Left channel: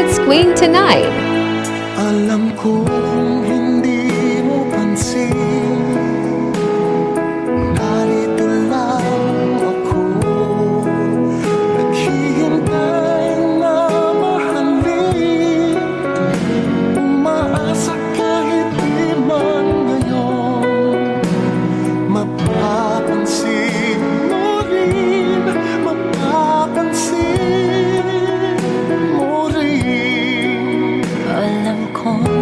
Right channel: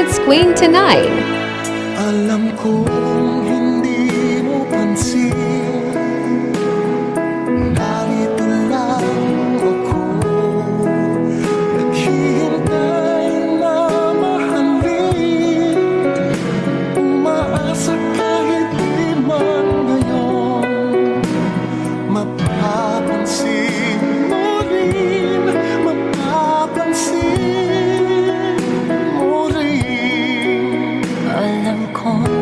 It's Queen to 9. Alam kong hindi mo pansin, narito lang ako, naghihintay na mahalin. Umaasa kahit di man ngayon, mapapansin mo rin, mapapansin mo rin. Alam kong